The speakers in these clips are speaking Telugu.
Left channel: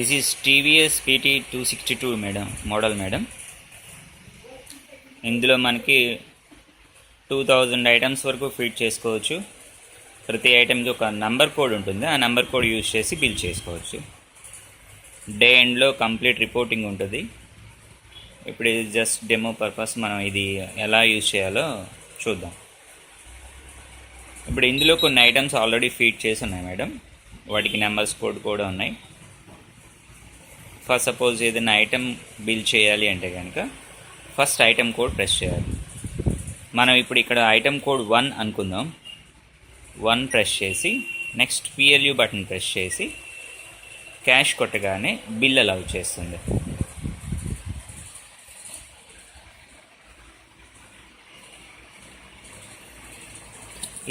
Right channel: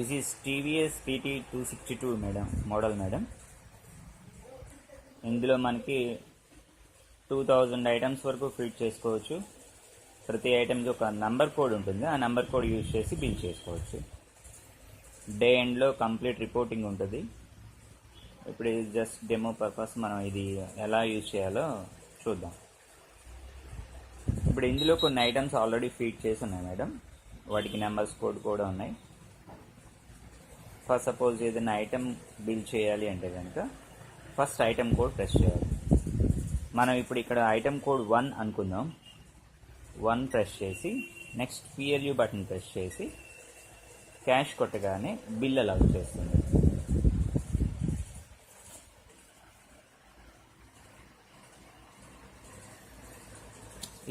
This is TVS PT 262 madam, model madam. ఇందులో మనకి 2000 ఐటమ్స్ వరకు ఫిట్ చేసుకోవచ్చు. ప్రతి ఐటెంకి ఒక నంబర్ కోడ్ ఉంటుంది, ఆ నంబర్ కోడ్ యూజ్ చేసి బిల్ చేసుకోవచ్చు. డే ఎండ్లో కంప్లీట్ రిపోర్టింగ్ ఉంటుంది. ఇప్పుడు ఇది జస్ట్ డెమో పర్పస్, మనం ఇది ఎలా యూజ్ చేయాలో చూద్దాం. ఇప్పుడు ఇందులో కొన్ని ఐటమ్స్ ఆల్రెడీ ఫీడ్ చేసి ఉన్నాయి మేడం, వాటికి నెంబర్స్ కోడ్ కూడా ఉన్నాయి. ఫస్ట్ సపోజ్ ఏదైనా ఐటెం బిల్ చేయాలి అంటే కనుక ఫస్ట్ ఐటెం కోడ్ ప్రెస్ చేయాలి. మనం ఇప్పుడు ఇక్కడ ఐటెం కోడ్ 1 అనుకుందాం. 1 ప్రెస్ చేసి నెక్స్ట్ PLU బటన్ ప్రెస్ చేసి క్యాష్ కొట్టగానే బిల్ అలౌ చేస్తుంది.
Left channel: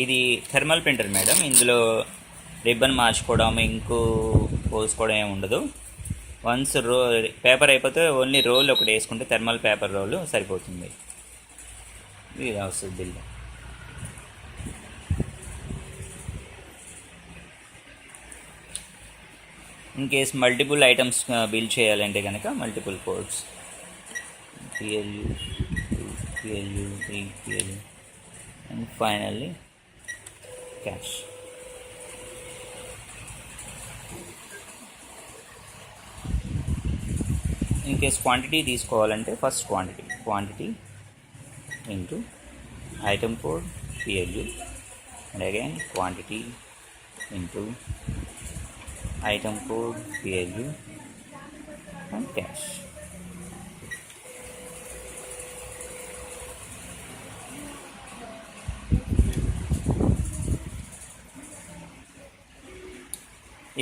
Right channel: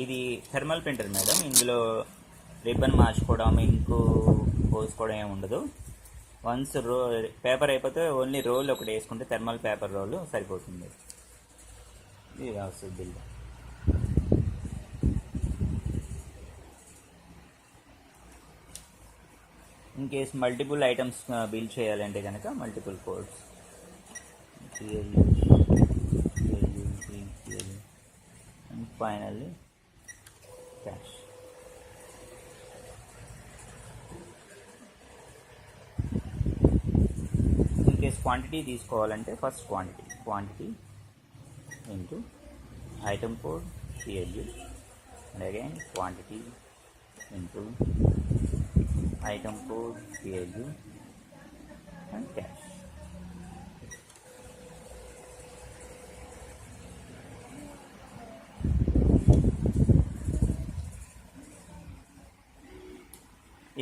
ఇది థర్మల్ ప్రింటర్ మేడం, ఇందులో రిబ్బన్ మార్చుకోవడం, ఇంకు పోసుకోవడం ఏమి ఉండదు. వన్స్ పేపర్ అయిపోతే ఓన్లీ రోల్ ఒకటి వేసుకుంటే థర్మల్ పేపర్ రోల్ సరిపోతుంది. ఇది వస్తుంది bill. In case multiple items bill చేయాలంటే కనుక multiple codes PLU 3 PLU and finally cash. In case quantity తీసుకోవాలంటే first quantity into item code PLU and again quantity into item code PLU and cash.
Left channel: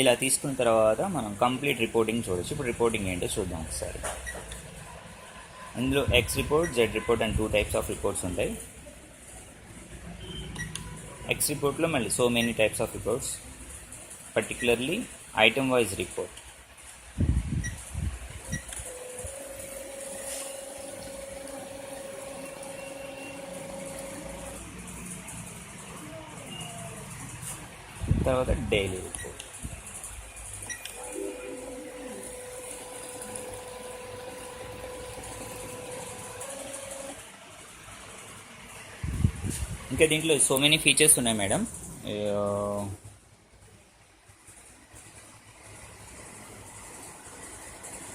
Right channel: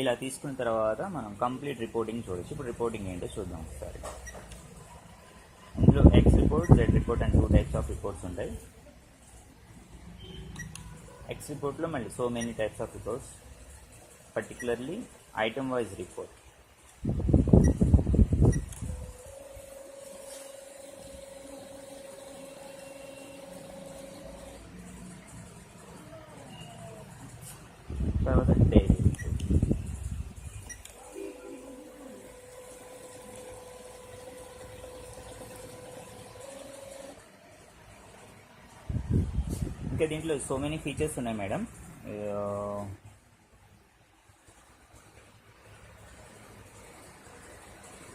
ఇలా తీసుకున్న తర్వాత మనం కంప్లీట్ రిపోర్టింగ్ చూడొచ్చు. ఇప్పుడు రిపోర్టింగ్ ఏంటో చూద్దాం ఒకసారి. ఇందులో X report, Z report and 2 types of reports ఉంటాయి. X రిపోర్ట్లో మళ్ళీ so many types of reports, particularly item wise report. తర్వాత డైలీ రిపోర్ట్. ఇంకా దీంట్లో సో మెనీ ఫీచర్స్ ఉన్నాయి మేడం.